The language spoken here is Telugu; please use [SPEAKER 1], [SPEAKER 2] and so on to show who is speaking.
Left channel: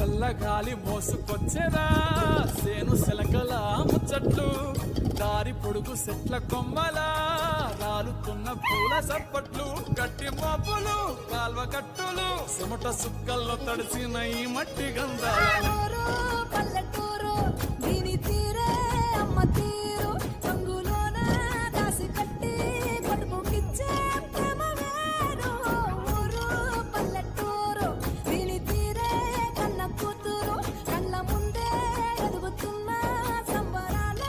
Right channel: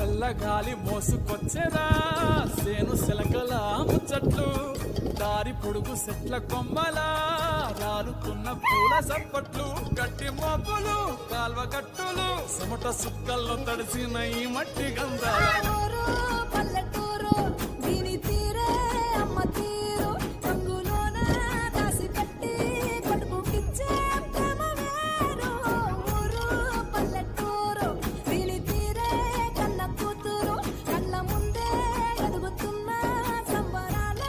[SPEAKER 1] చల్లగాలి మోసుకొచ్చేరా సేను సెలకల ముచ్చట్లు దారి పొడుగు సెట్ల కొమ్మలా రాలుతున్న పూల సప్పట్లు గట్టి మోపులు కాల్వ కట్టులు చెమట సుక్కల్లో తడిసిన ఈ మట్టి గంధాలు
[SPEAKER 2] చదువుతున్నా సంబరాల